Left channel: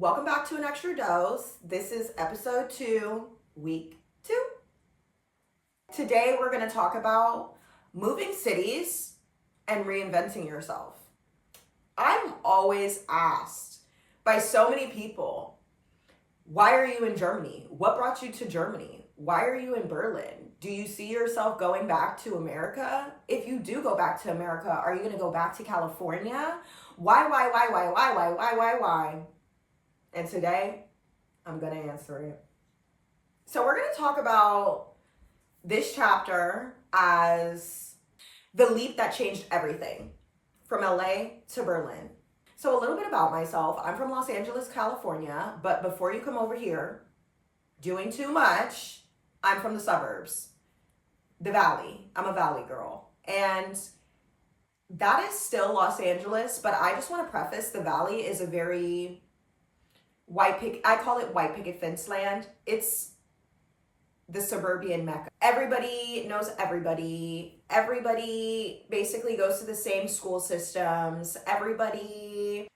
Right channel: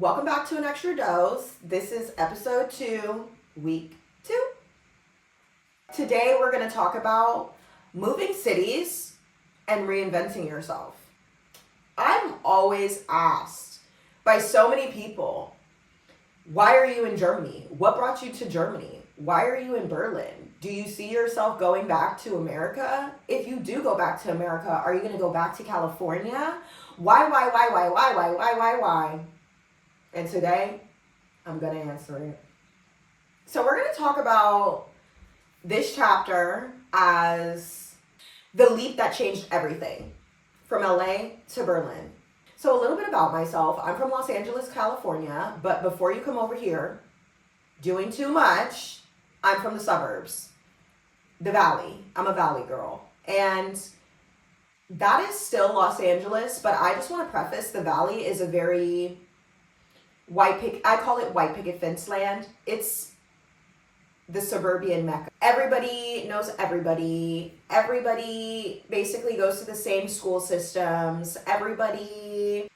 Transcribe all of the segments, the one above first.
Welcome back to an extra dose. This is episode 2, week 2. Today we're going to talk about moving cities and reinventing yourself. I'm always asked by so many people, why are you in Germany? What brought you to Germany? Why are you in Berlin? Do you see yourself going back to America? If you do go back to America, are you going to go back to California? Why? And today, I'm going to answer it. So we're going to talk about this chapter as the leap that changed everything from LA to Berlin. So a little bit about myself. I'm from Los Angeles, California, but before you come over here doing too much, I'm from the suburbs, the Valley. I'm a Valley girl. And that is still Los Angeles, but I just want to preface the Valley is a very I call it white picket fence land. It's the suburban Mecca. Everybody knows everybody. Everybody basically goes to the same school systems. We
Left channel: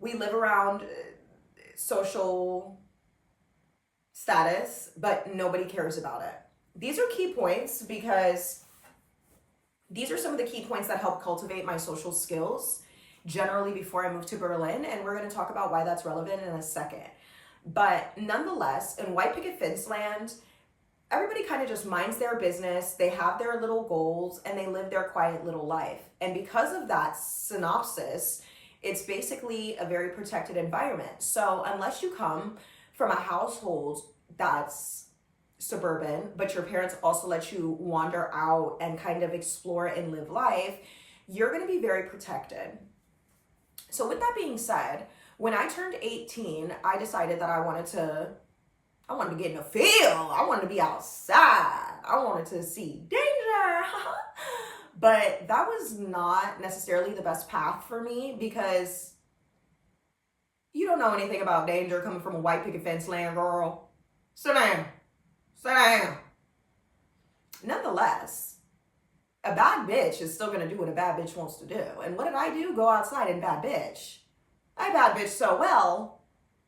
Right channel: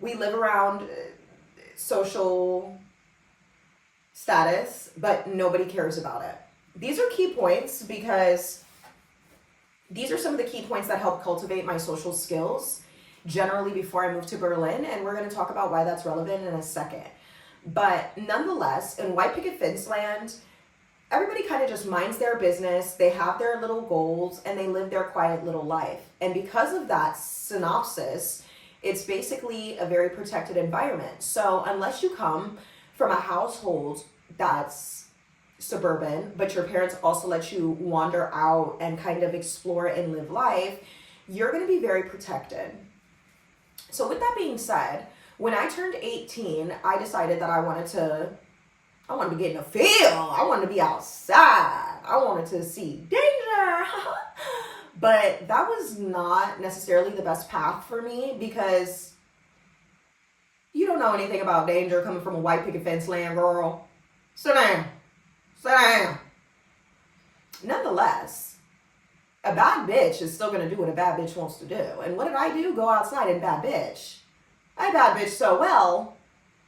live around social status, but nobody cares about it. These are key points because these are some of the key points that help cultivate my social skills generally before I moved to Berlin, and we're going to talk about why that's relevant in a second. But nonetheless, in white picket fence land, everybody kind of just minds their business, they have their little goals, and they live their quiet little life. And because of that synopsis, it's basically a very protected environment. So unless you come from a household that's suburban, but your parents also let you wander out and kind of explore and live life, you're going to be very protected. So with that being said, when I turned 18, I decided that I wanted to get in the field. I wanted to be outside. I wanted to see danger. But that was not necessarily the best path for me because you don't know anything about danger coming from a white picket fence land, girl. Sit down. Nonetheless, a bad bitch is still going to do what a bad bitch wants to do. And what did I do? Go outside and bad bitch. I bad bitch so well.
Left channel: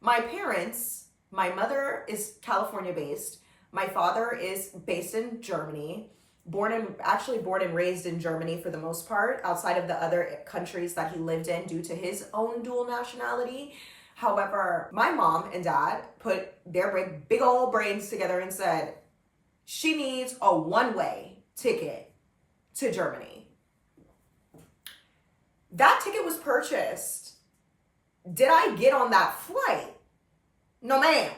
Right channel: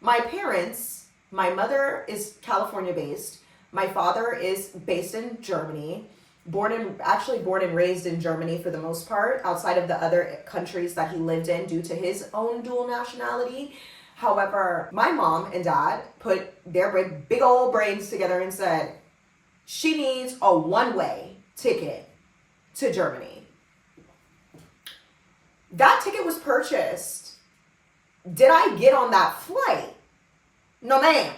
My parents, my mother is California based. My father is based in Germany. Born and raised in Germany for the most part, outside of the other countries that he lived in due to his own dual nationality. However, my mom and dad put their big old brains together and said, she needs a one-way ticket to Germany. That ticket was purchased. Did I get on that flight? No, ma'am.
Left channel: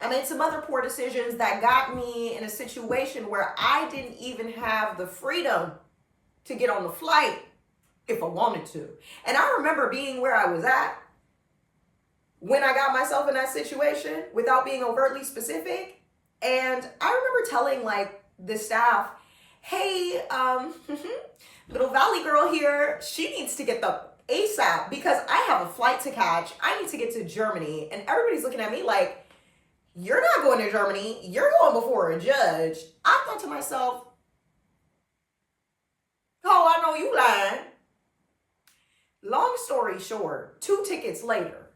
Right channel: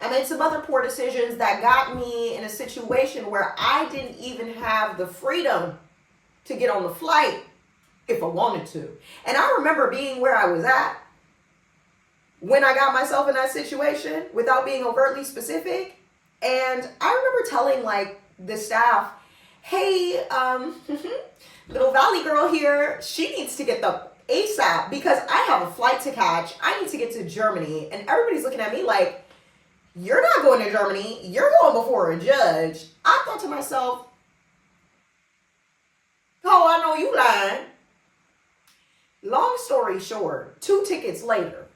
I made some other poor decisions that got me in a situation where I didn't even have the freedom to get on the flight if I wanted to. And I remember being where I was at when I got myself in that situation without being overtly specific. And I remember telling the staff, hey, little Valley girl here, she needs to get the ASAP because I have a flight to catch. I need to get to Germany. And everybody's looking at me like, you're not going to Germany. You're going before a judge. I thought to myself, oh, I know you lying. Long story short, 2 tickets later,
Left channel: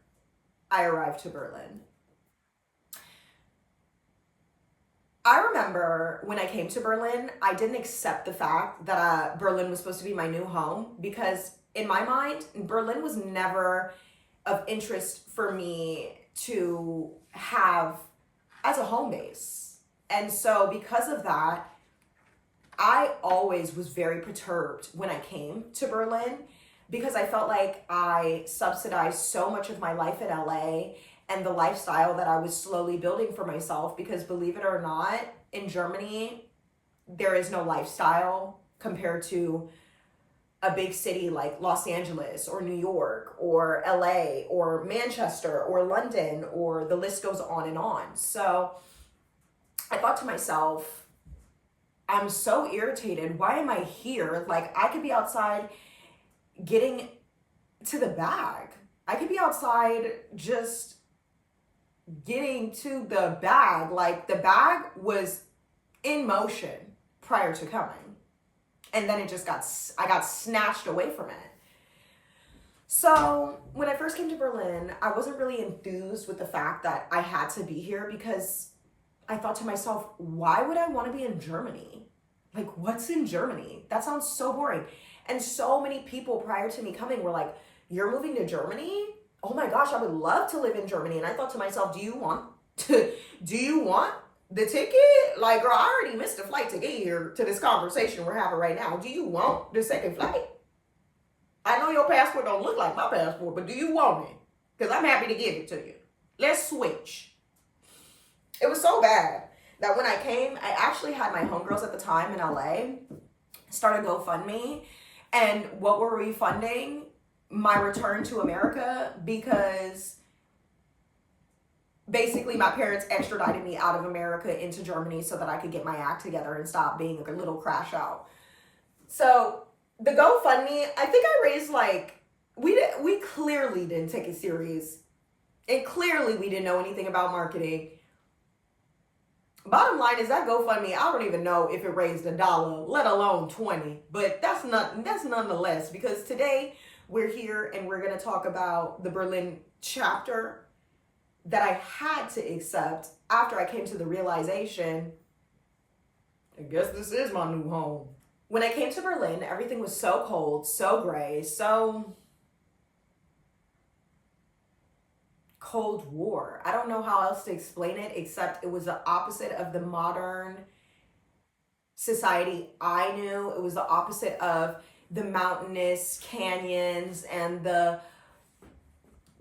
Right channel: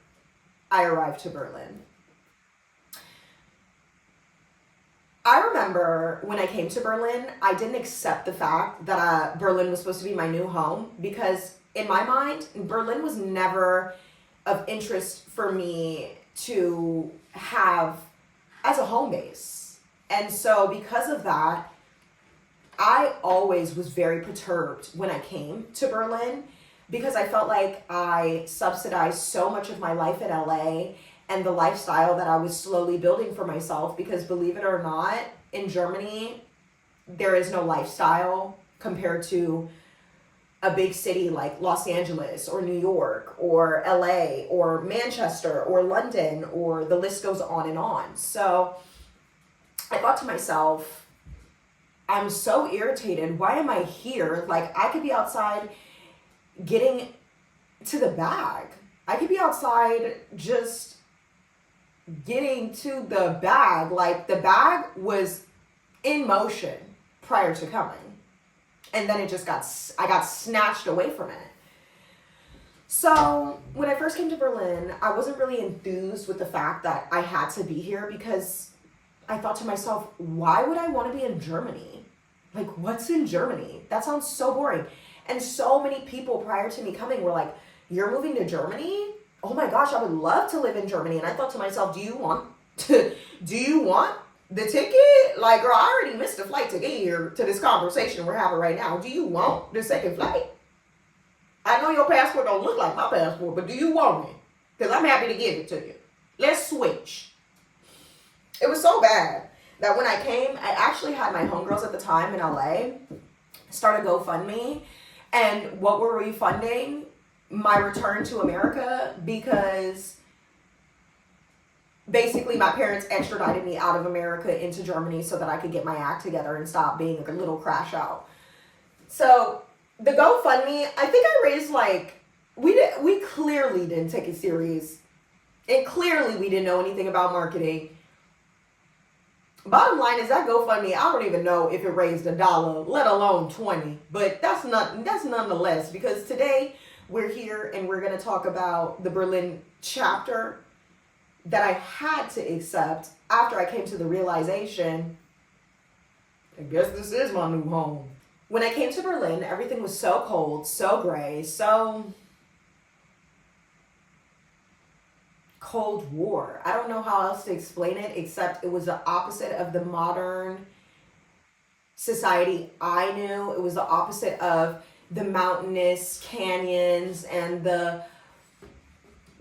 I arrived to Berlin. I remember when I came to Berlin, I didn't accept the fact that Berlin was supposed to be my new home because in my mind, Berlin was never of interest for me to have as a home base. And so because of that, I always was very perturbed when I came to Berlin because I felt like I subsidized so much of my life in LA and the lifestyle that I was slowly building for myself because believe it or not, in Germany, there is no lifestyle compared to a big city like Los Angeles or New York or LA or Manchester or London, or the list goes on and on. So I thought to myself, I'm so irritated. Why am I here? I could be outside getting to the bag. I could be outside just getting to the bag. The bag was in motion prior to coming. And then I got snatched away from it. So when I first came to Berlin, I wasn't really enthused with the fact that I had to be here because I thought to myself, why would I want to be in Germany? Like, what's in Germany? That sounds so boring. And so many people prior to me coming were like, you're moving to Germany? Oh my gosh, I would love to live in Germany. And I thought to myself, do you want the ticket? Like, girl, I already missed the flight to get here to this conversation we're having right now. Do you want the second flight? I know your passport don't look like my passport, but do you want it? Because I'm happy to give it to you. Let's switch. It was so bad that when I came, I actually had my homegirls at the time in LA start a GoFundMe. And what were we funding? My return to America, because basically my parents extradited me out of America into Germany so that I could get my act together and stop being a little crash out. So the GoFundMe, I think I raised like, we clearly didn't take it serious. And clearly we didn't know anything about marketing. Bottom line is that GoFundMe, I don't even know if it raised $1, let alone 20. But that's nonetheless, because today we're here and we're going to talk about the Berlin chapter that I had to accept after I came to the realization, I guess this is my new home. When I came to Berlin, everything was so cold, so gray, so Cold War. I don't know how else to explain it, except it was the opposite of the modern society I knew. It was the opposite of the mountainous canyons and the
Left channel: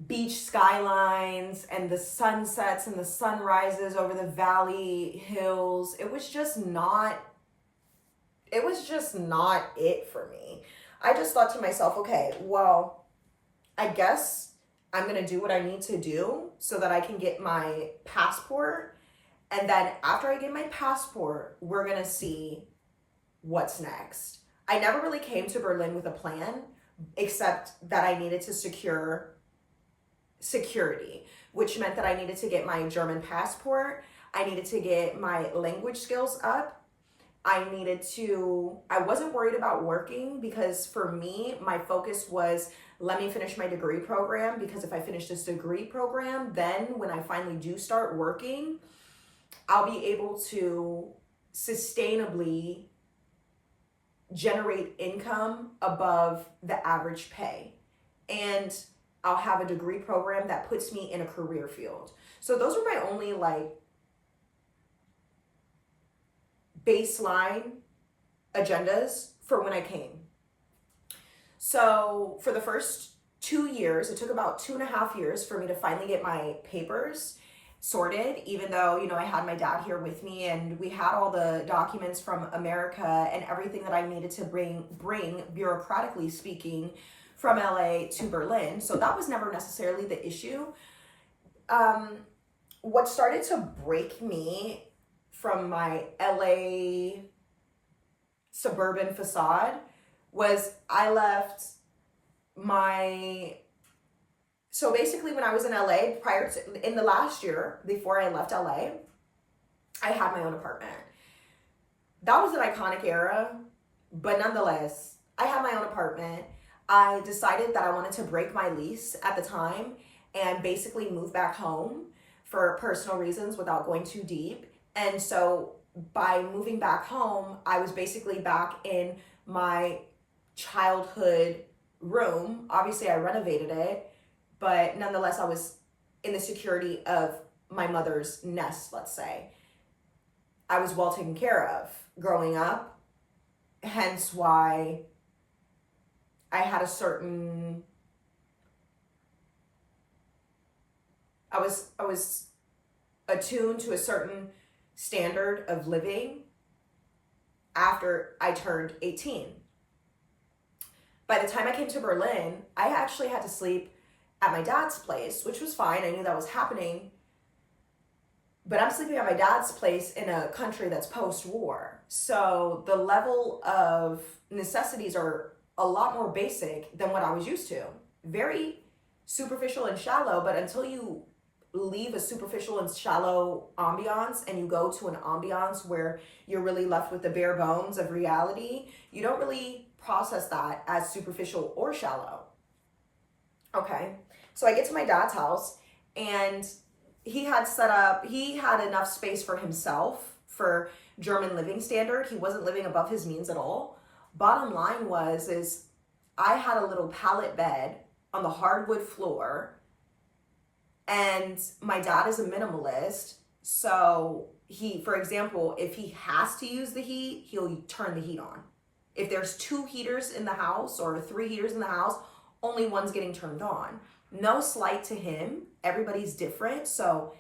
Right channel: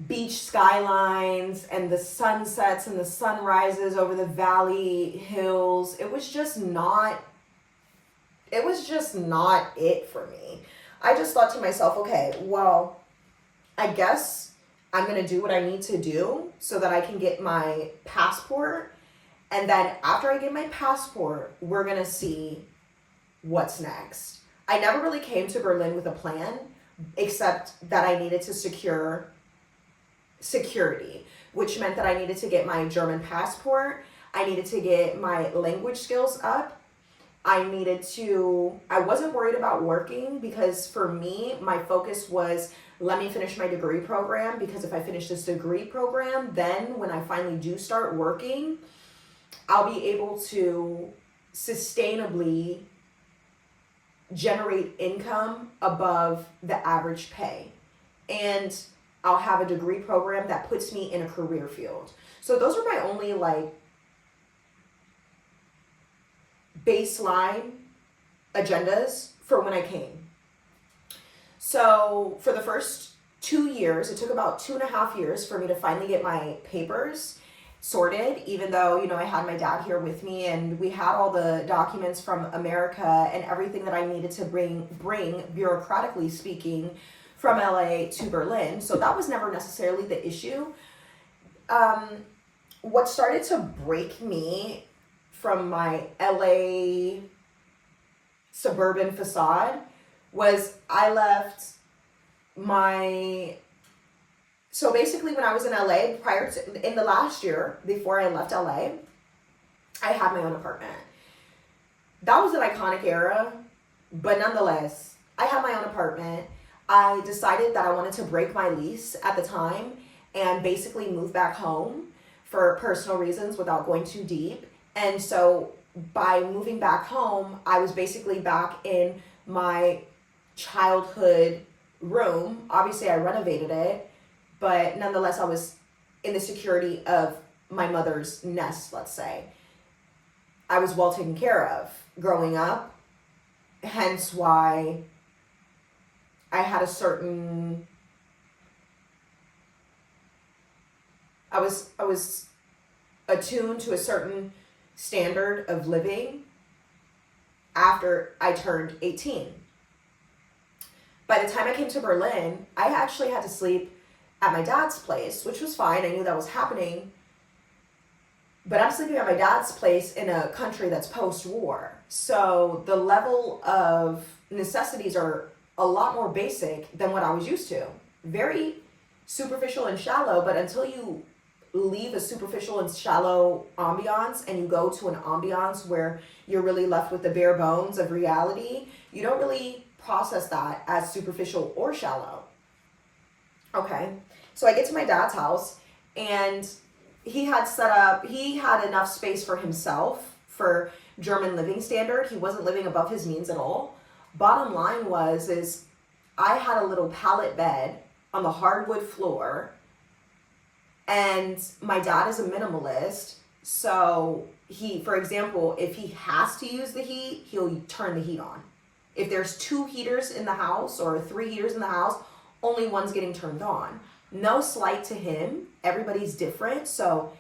beach skylines and the sunsets and the sunrises over the valley hills. It was just not it for me. I just thought to myself, okay, well, I guess I'm going to do what I need to do so that I can get my passport. And then after I get my passport, we're going to see what's next. I never really came to Berlin with a plan, except that I needed to secure security, which meant that I needed to get my German passport. I needed to get my language skills up. I wasn't worried about working because for me, my focus was, let me finish my degree program, because if I finish this degree program, then when I finally do start working, I'll be able to sustainably generate income above the average pay. And I'll have a degree program that puts me in a career field. So those are my only baseline agendas for when I came. So for the first 2 years, it took about 2.5 years for me to finally get my papers sorted, even though, I had my dad here with me and we had all the documents from America and everything that I needed to bring bureaucratically speaking from LA to Berlin. So that was never necessarily the issue. What started to break me from my LA suburban facade was I left so basically when I was in LA in the last year before I left LA, I had my own apartment. That was an iconic era, but nonetheless, I had my own apartment. I decided that I wanted to break my lease at the time and basically move back home for personal reasons without going too deep. And so by moving back home, I was basically back in my childhood room. Obviously, I renovated it, but nonetheless, I was in the security of my mother's nest, let's say. I was well taken care of growing up, hence why I had I was attuned to a certain standard of living after I turned 18. By the time I came to Berlin, I actually had to sleep at my dad's place, which was fine. I knew that was happening. But I'm sleeping at my dad's place in a country that's post-war. So the level of necessities are a lot more basic than what I was used to. Very superficial and shallow, but until you leave a superficial and shallow ambiance and you go to an ambiance where you're really left with the bare bones of reality, you don't really process that as superficial or shallow. Okay. So I get to my dad's house, and he had enough space for himself for German living standard. He wasn't living above his means at all. Bottom line is I had a little pallet bed on the hardwood floor, and my dad is a minimalist. So for example, if he has to use the heat, he'll turn the heat on. If there's 2 heaters in the house or 3 heaters in the house, only one's getting turned on. No slight to him. Everybody's different. So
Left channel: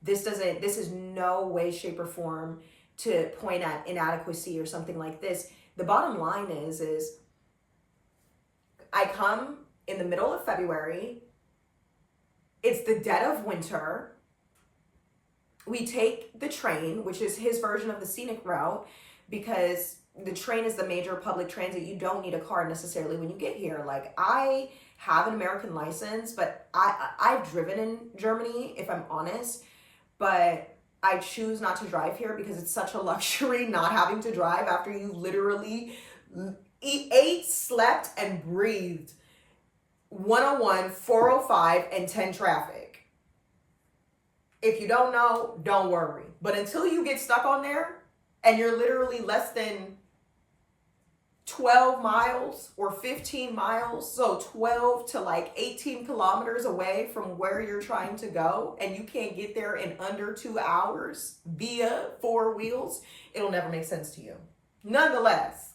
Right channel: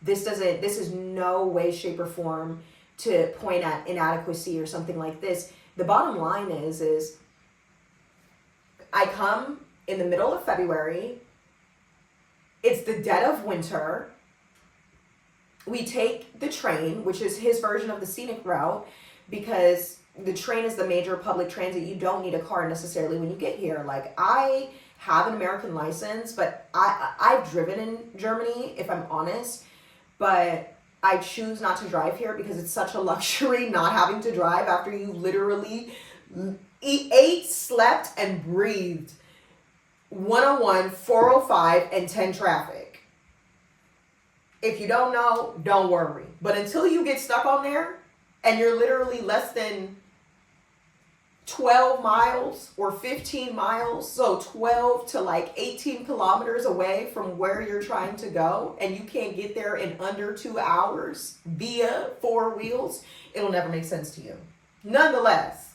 this is no way, shape, or form to point at inadequacy or something like this. The bottom line is I come in the middle of February. It's the dead of winter. We take the train, which is his version of the scenic route, because the train is the major public transit. You don't need a car necessarily when you get here. Like, I have an American license, but I've driven in Germany, if I'm honest, but I choose not to drive here because it's such a luxury not having to drive after you literally ate, slept, and breathed 101, 405, and 10 traffic. If you don't know, don't worry. But until you get stuck on there and you're literally less than 12 miles or 15 miles, so 12 to like 18 kilometers away from where you're trying to go, and you can't get there in under 2 hours via 4 wheels, it'll never make sense to you. Nonetheless,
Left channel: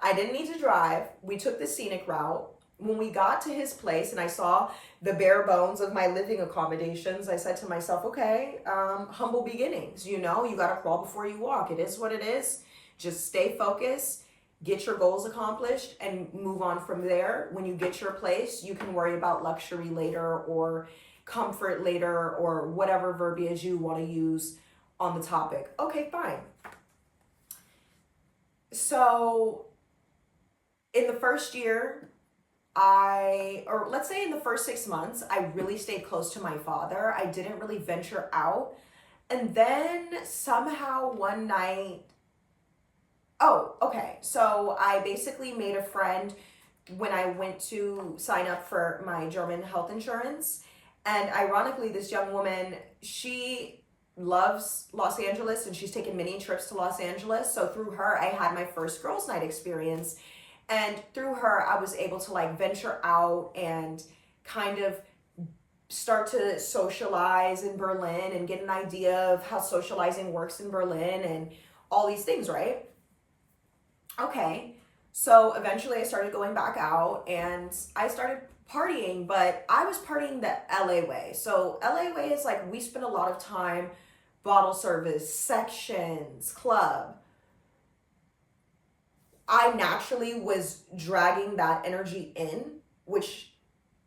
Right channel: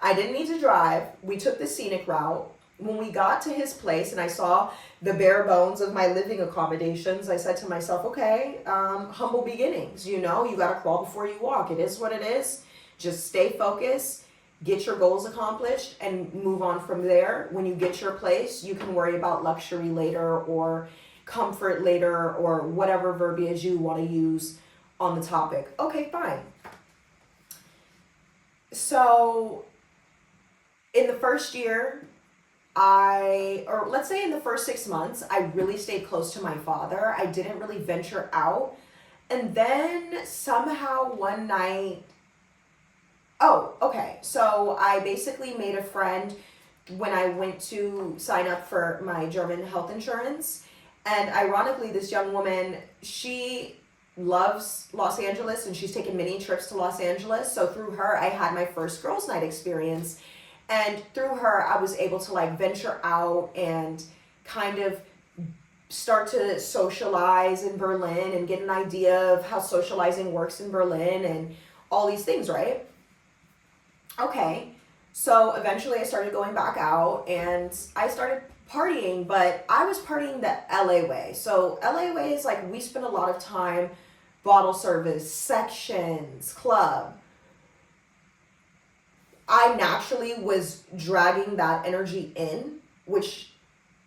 I didn't need to drive. We took the scenic route. When we got to his place and I saw the bare bones of my living accommodations, I said to myself, okay, humble beginnings. You know, you got to crawl before you walk. It is what it is. Just stay focused, get your goals accomplished, and move on from there. When you get your place, you can worry about luxury later or comfort later or whatever verbiage you want to use on the topic. Okay, fine. So in the first year, or let's say in the first 6 months, I really stayed close to my father. I didn't really venture out. And then somehow one night, so I basically made a friend when I went to sign up for my German health insurance. And ironically, this young woman, she loves Los Angeles and she's taken many trips to Los Angeles. So through her, I had my first girls' night experience. And through her, I was able to like venture out and kind of start to socialize in Berlin and get an idea of how socializing works in Berlin and all these things, right? Okay, so eventually I started going back out and I started partying, but I was partying the LA way. So LA way is like we spend a lot of time, bottle service, sections, club. I naturally was dragging that energy in, which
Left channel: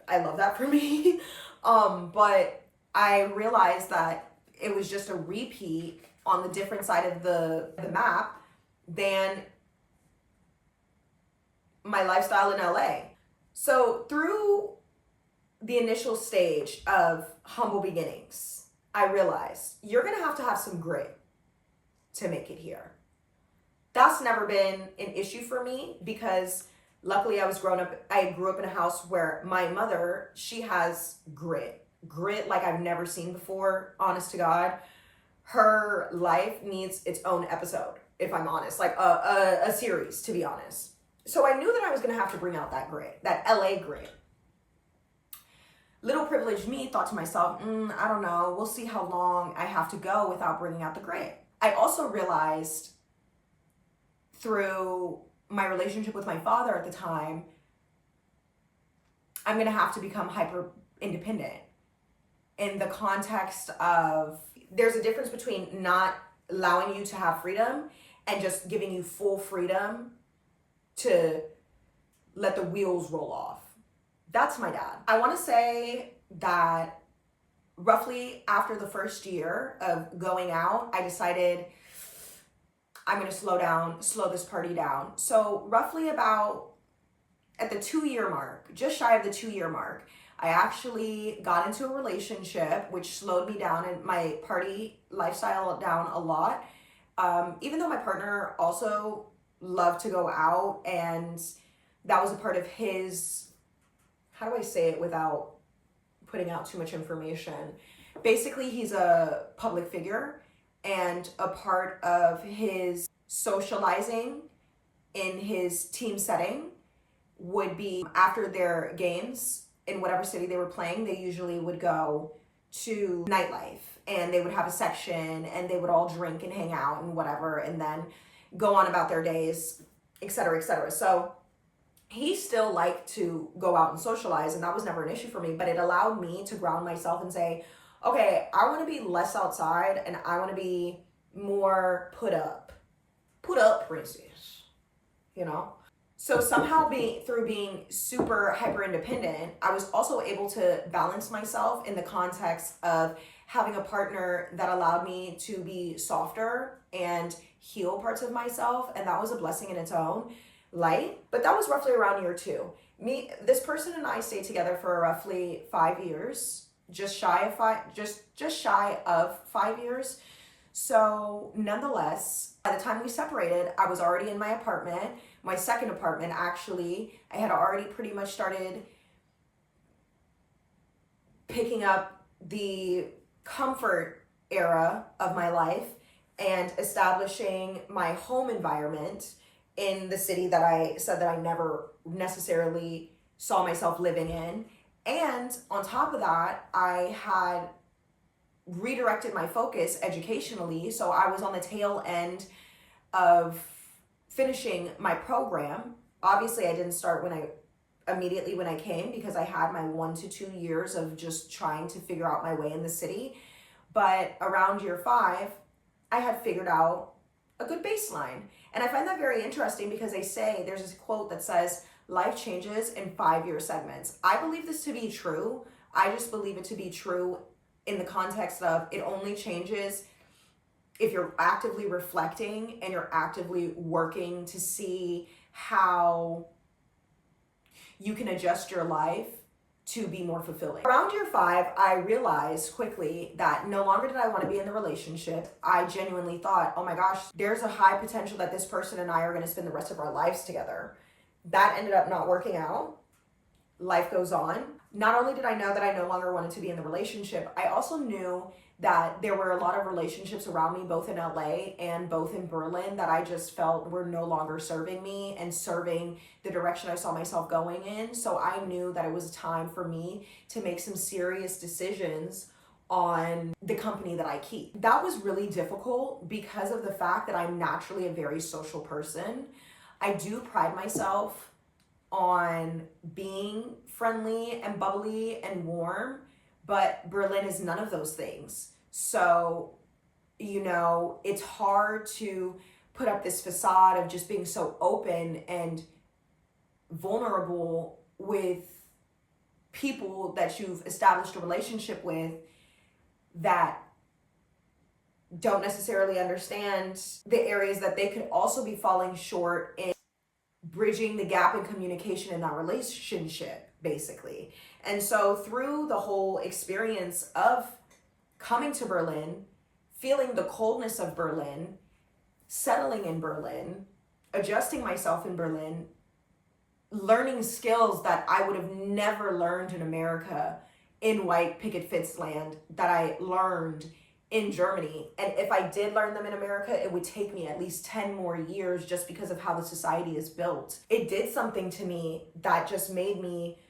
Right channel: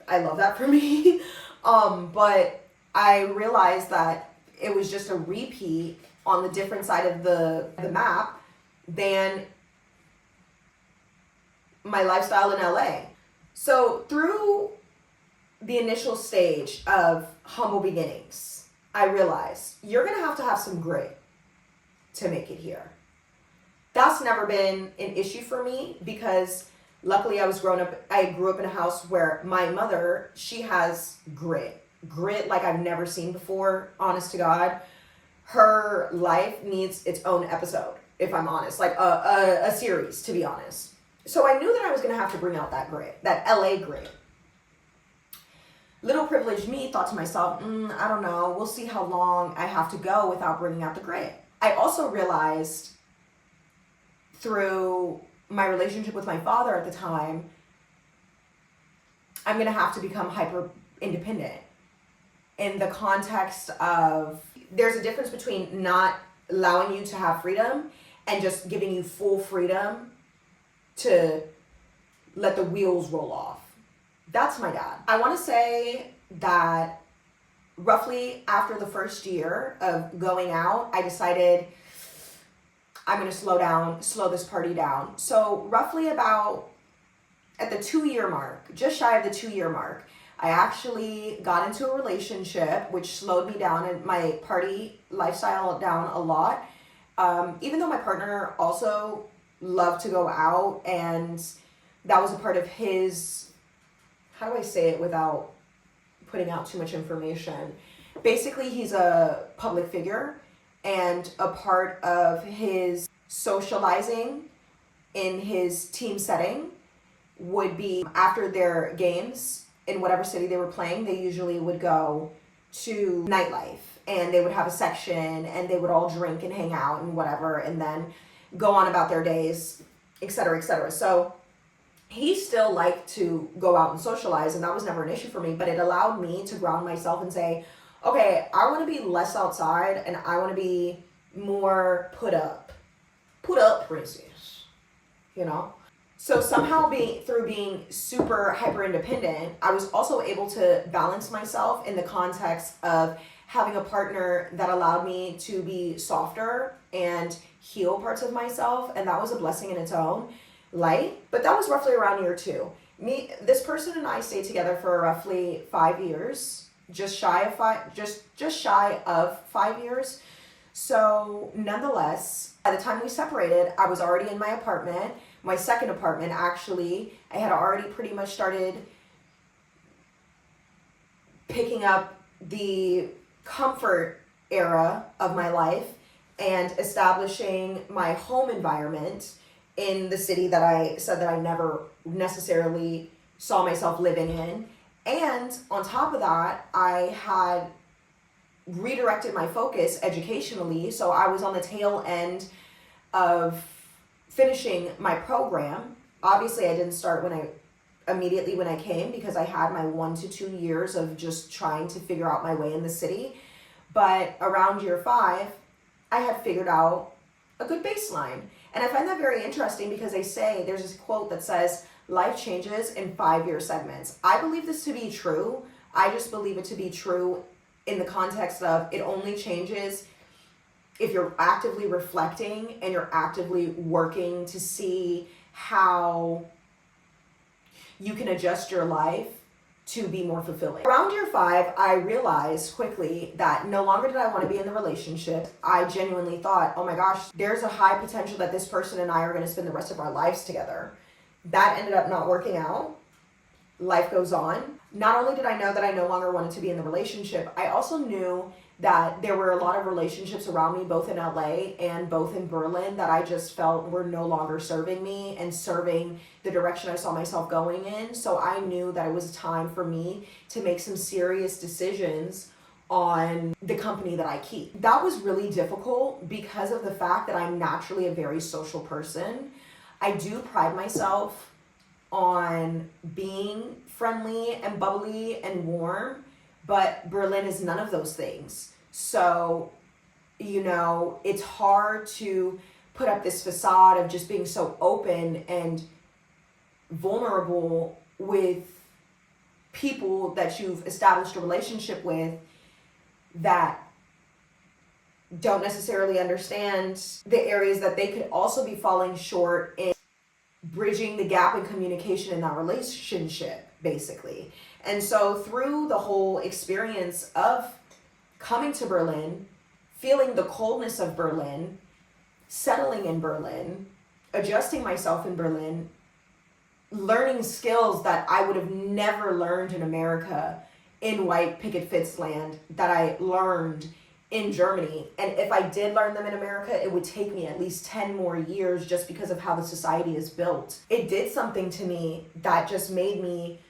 I love that for me. But I realized that it was just a repeat on the different side of the map than my lifestyle in LA. So through the initial stage of humble beginnings, I realized you're going to have some grit to make it here. That's never been an issue for me because luckily I grew up in a house where my mother, she has grit like I've never seen before, honest to God. Her life needs its own episode, if I'm honest, like a series, to be honest. So I knew that I was going to have to bring out that grit, that LA grit. Little privileged me thought to myself, I don't know, we'll see how long I have to go without bringing out the grit. I also realized through my relationship with my father at the time, I'm going to have to become hyper independent in the context of there's a difference between not allowing you to have freedom and just giving you full freedom to let the wheels roll off. That's my dad. I want to say that roughly after the first year of going out, I decided I'm going to slow this party down. So roughly about at the 2-year mark, just shy of the 2-year mark, I actually got into a relationship, which slowed me down and my party lifestyle down a lot. Even though my partner also loved to go out and that was a part of his how do I say it without putting out too much information? Basically, he's a public figure, and a part of his socializing in his team setting would be after their games in whatever city they were playing, they usually would go to nightlife, and they would have a section, and they would all drink and hang out and whatever, and then go on about their days, etc., etc. So he still liked to go out and socialize, and that was never an issue for me, but it allowed me to ground myself and say, okay, I want to be less outside, and I want to be more put up, princess, you know? So somehow through being super hyper independent, I was also able to balance myself in the context of having a partner that allowed me to be softer and heal parts of myself. And that was a blessing in its own light. But that was roughly around year 2. This person and I stayed together for roughly 5 years, just shy of 5 years. So nonetheless, by the time we separated, I was already in my apartment. My second apartment, actually, I had already pretty much started picking up the comfort era of my life and establishing my home environment in the city that I said that I never necessarily saw myself living in. And on top of that, I had redirected my focus educationally. So I was on the tail end of finishing my program. Obviously, I didn't start immediately when I came, because I had my 1 to 2 years of just trying to figure out my way in the city. But around year 5, I had figured out a good baseline. And I find that very interesting because there's this quote that says, life changes in 5-year segments. I believe this to be true. I just believe it to be true in the context of it only changes if you're actively reflecting and you're actively working to see how you can adjust your life to be more fulfilling. Around year 5, I realized quickly that no longer did I want to be in the relationship. I genuinely thought, oh my gosh, there's a high potential that this person and I are going to spend the rest of our lives together. That ended up not working out. Life goes on. Not only did I know that I no longer wanted to be in the relationship, I also knew that there were a lot of relationships around me, both in LA and both in Berlin, that I just felt were no longer serving me and serving the direction I saw myself going in. So I knew that it was time for me to make some serious decisions on the company that I keep. That was really difficult because of the fact that I'm naturally a very social person. I do pride myself on being friendly and bubbly and warm, but Berlin is none of those things. So, it's hard to put up this facade of just being so open and vulnerable with people that you've established a relationship with that don't necessarily understand the areas that they could also be falling short in bridging the gap in communication in that relationship, basically. And so through the whole experience of coming to Berlin, feeling the coldness of Berlin, settling in Berlin, adjusting myself in Berlin, learning skills that I would have never learned in America, in white picket fence land, that I learned in Germany. And if I did learn them in America, it would take me at least 10 more years just because of how the society is built. It did something to me that just made me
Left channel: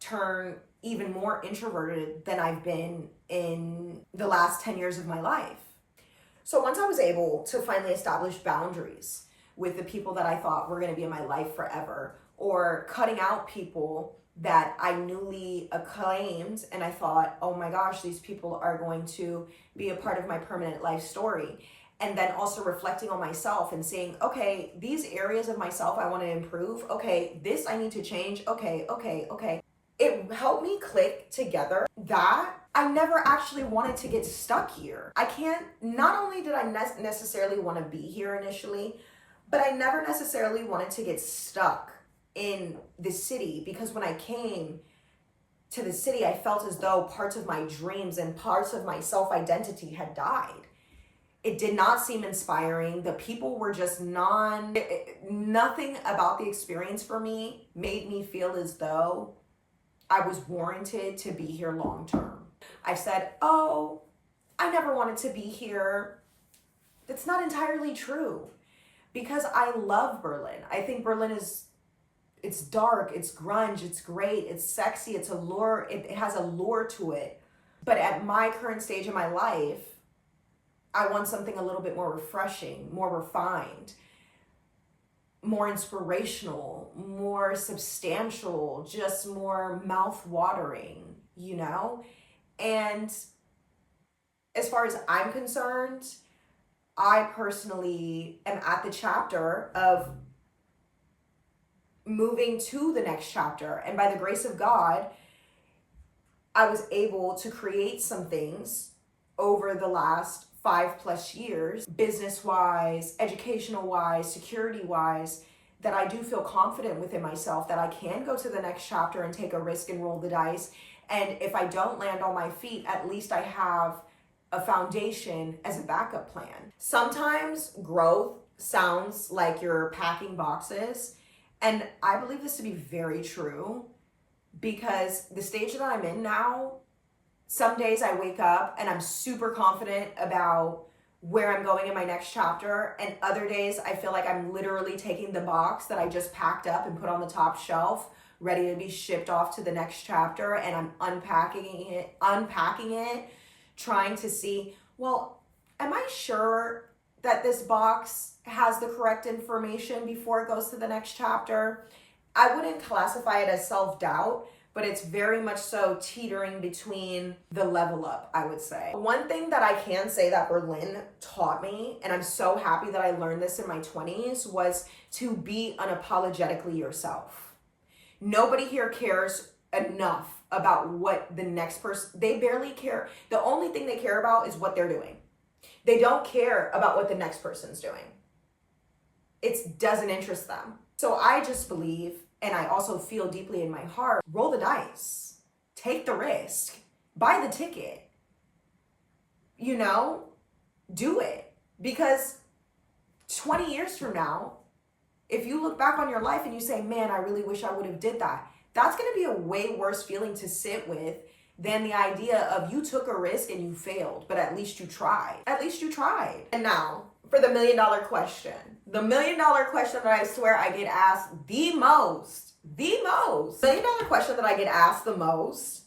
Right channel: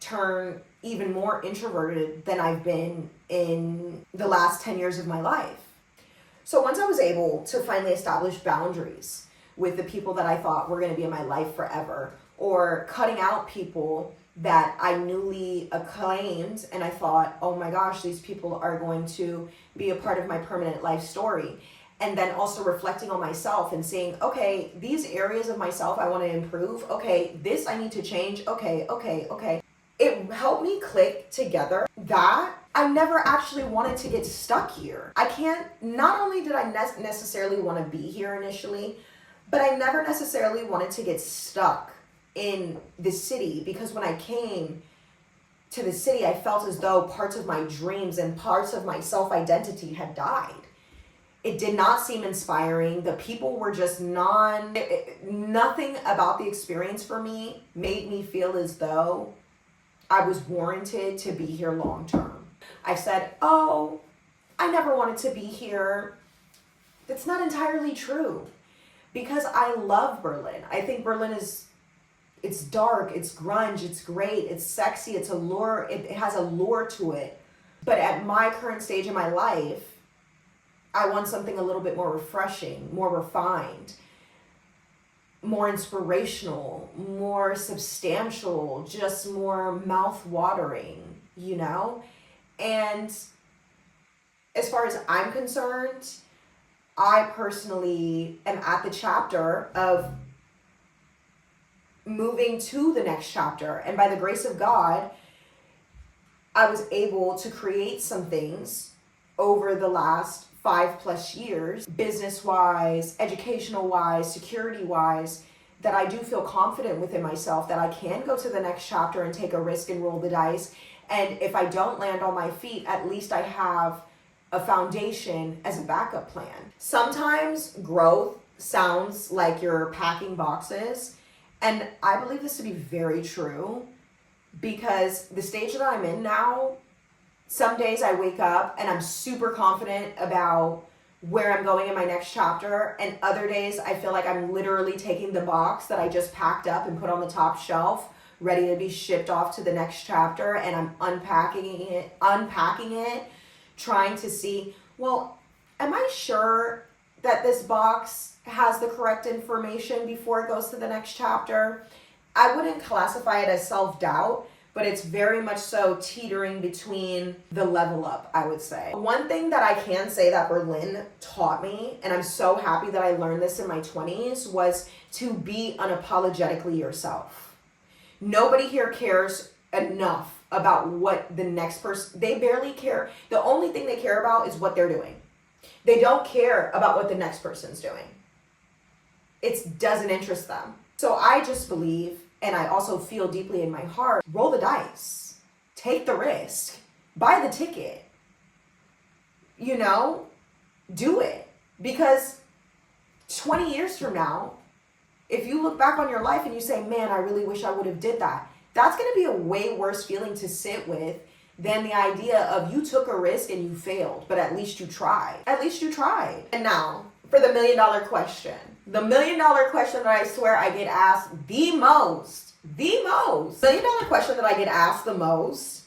turn even more introverted than I've been in the last 10 years of my life. So once I was able to finally establish boundaries with the people that I thought were going to be in my life forever, or cutting out people that I newly acclaimed and I thought, oh my gosh, these people are going to be a part of my permanent life story. And then also reflecting on myself and saying, okay, these areas of myself I want to improve. Okay, this I need to change. Okay. It helped me click together that I never actually wanted to get stuck here. Not only did I necessarily want to be here initially, but I never necessarily wanted to get stuck in the city, because when I came to the city, I felt as though parts of my dreams and parts of my self-identity had died. It did not seem inspiring. The people were just nothing about the experience for me made me feel as though I was warranted to be here long term. I've said, oh, I never wanted to be here. That's not entirely true, because I love Berlin. I think Berlin it's dark, it's grunge, it's great, it's sexy, it's allure, it has a lure to it. But at my current stage in my life, I want something a little bit more refreshing, more refined, more inspirational, more substantial, just more mouth-watering, you know? And as far as I'm concerned, I personally am at the chapter of moving to the next chapter. And by the grace of God, I was able to create some things over the last 5+ years, business-wise, educational-wise, security-wise, that I do feel confident within myself that I can go to the next chapter and take a risk and roll the dice. And if I don't land on my feet, at least I have a foundation as a backup plan. Sometimes growth sounds like you're packing boxes, and I believe this to be very true, because the stage that I'm in now, some days I wake up and I'm super confident about where I'm going in my next chapter, and other days I feel like I'm literally taking the box that I just packed up and put on the top shelf, ready to be shipped off to the next chapter, and I'm unpacking it, trying to see, well, am I sure that this box has the correct information before it goes to the next chapter? I wouldn't classify it as self-doubt, but it's very much so teetering between the level up, I would say. One thing that I can say that Berlin taught me, and I'm so happy that I learned this in my 20s, was to be unapologetically yourself. Nobody here cares enough about what the next person, they barely care. The only thing they care about is what they're doing. They don't care about what the next person's doing. It doesn't interest them. So I just believe, and I also feel deeply in my heart, roll the dice, take the risk, buy the ticket, you know, do it. Because 20 years from now, if you look back on your life and you say, man, I really wish I would have did that, that's going to be a way worse feeling to sit with than the idea of you took a risk and you failed, but at least you tried. At least you tried. And now for the $1 million question. The $1 million question that I swear I get asked the most. $1 million question that I get asked the most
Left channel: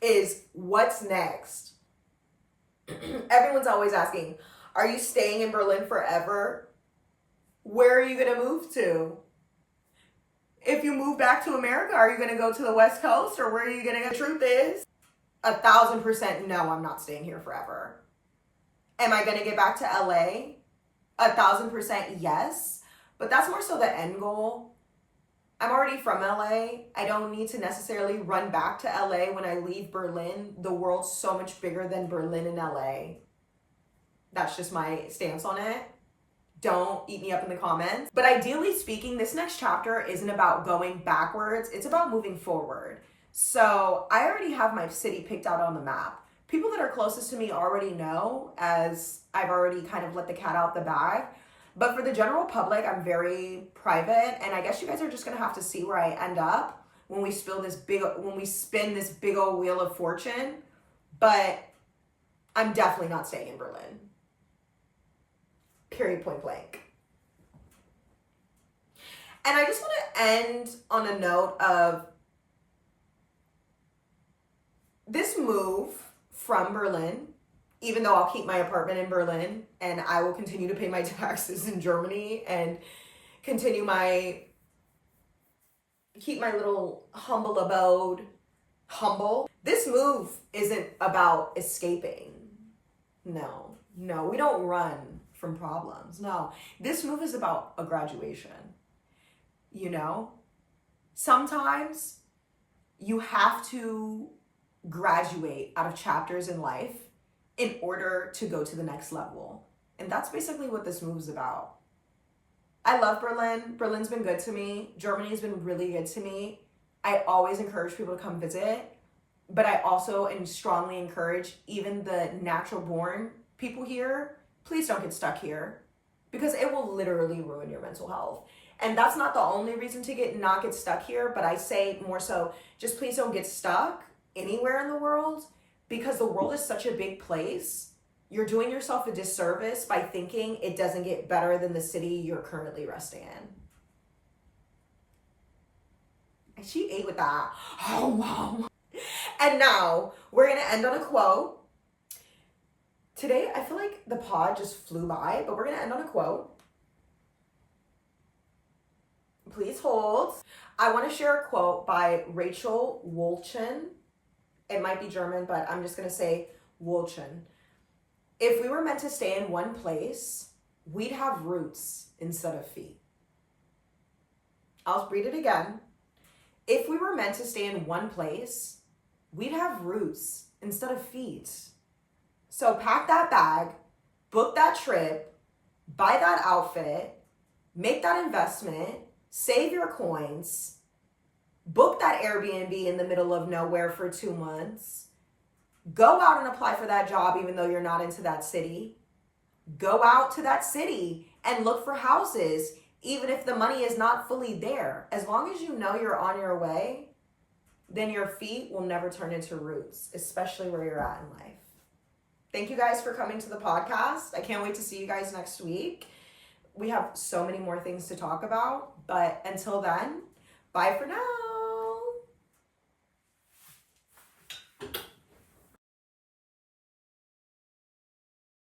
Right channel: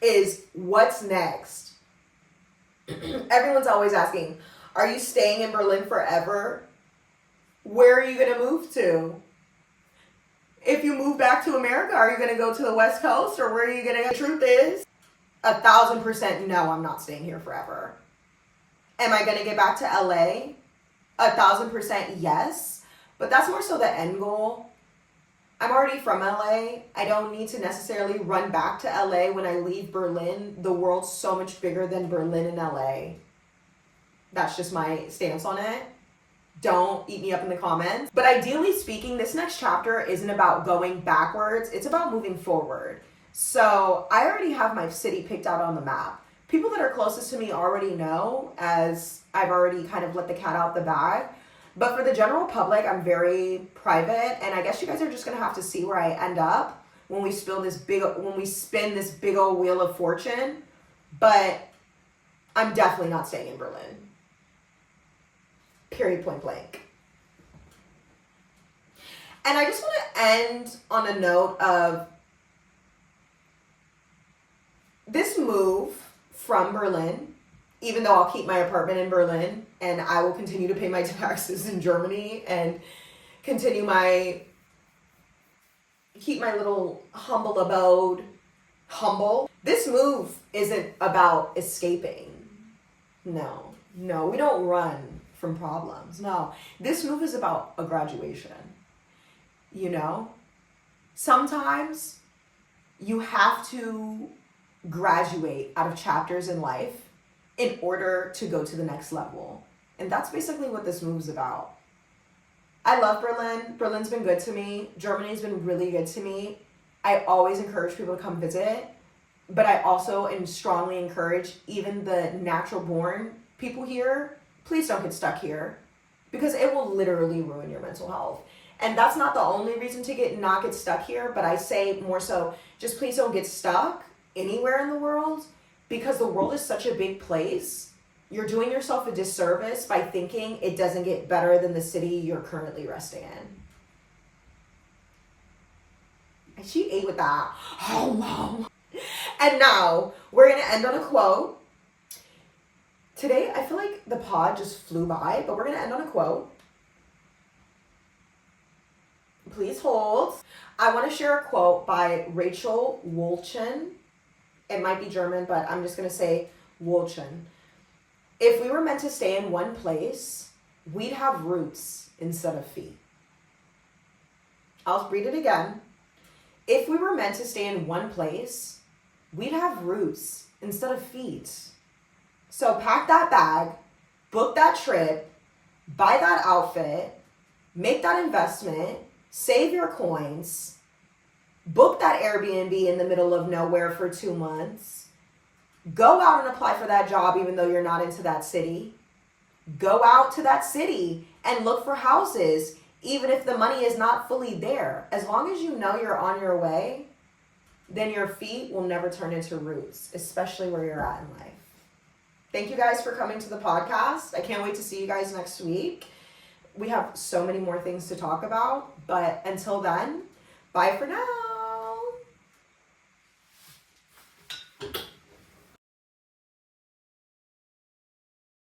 is, what's next? Everyone's always asking, are you staying in Berlin forever? Where are you going to move to? If you move back to America, are you going to go to the West Coast, or where are you going to go? The truth is, 1,000% no, I'm not staying here forever. Am I going to get back to LA? 1,000% yes, but that's more so the end goal. I'm already from LA. I don't need to necessarily run back to LA when I leave Berlin. The world's so much bigger than Berlin and LA. That's just my stance on it. Don't eat me up in the comments. But ideally speaking, this next chapter isn't about going backwards. It's about moving forward. So I already have my city picked out on the map. People that are closest to me already know, as I've already kind of let the cat out the bag. But for the general public, I'm very private. And I guess you guys are just going to have to see where I end up when we spin this big old wheel of fortune. But I'm definitely not staying in Berlin. Period, point blank. And I just want to end on a note of this move from Berlin, even though I'll keep my apartment in Berlin and I will continue to pay my taxes in Germany and keep my little humble abode humble. This move isn't about escaping. No, we don't run from problems. No, this move is about a graduation. You know, sometimes you have to graduate out of chapters in life in order to go to the next level. And that's basically what this move is about. I love Berlin. Berlin's been good to me. Germany's been really good to me. I always encourage people to come visit, but I also strongly encourage even the natural born people here, please don't get stuck here, because it will literally ruin your mental health. And that's not the only reason to not get stuck here, but I say more so, just please don't get stuck anywhere in the world, because the world is such a big place. You're doing yourself a disservice by thinking it doesn't get better than the city you're currently resting in. And she ate with that. Oh, wow. And now we're going to end on a quote. Today, I feel like the pod just flew by, but we're going to end on a quote. Please hold. I want to share a quote by Rachel Wolchen. It might be German, but I'm just going to say Wolchen. If we were meant to stay in one place, we'd have roots instead of feet. I'll read it again. If we were meant to stay in one place, we'd have roots instead of feet. So pack that bag, book that trip, buy that outfit, make that investment, save your coins, book that Airbnb in the middle of nowhere for 2 months, go out and apply for that job even though you're not into that city. Go out to that city and look for houses even if the money is not fully there. As long as you know you're on your way, then your feet will never turn into roots, especially where you're at in life. Thank you guys for coming to the podcast. I can't wait to see you guys next week. We have so many more things to talk about, but until then, bye for now.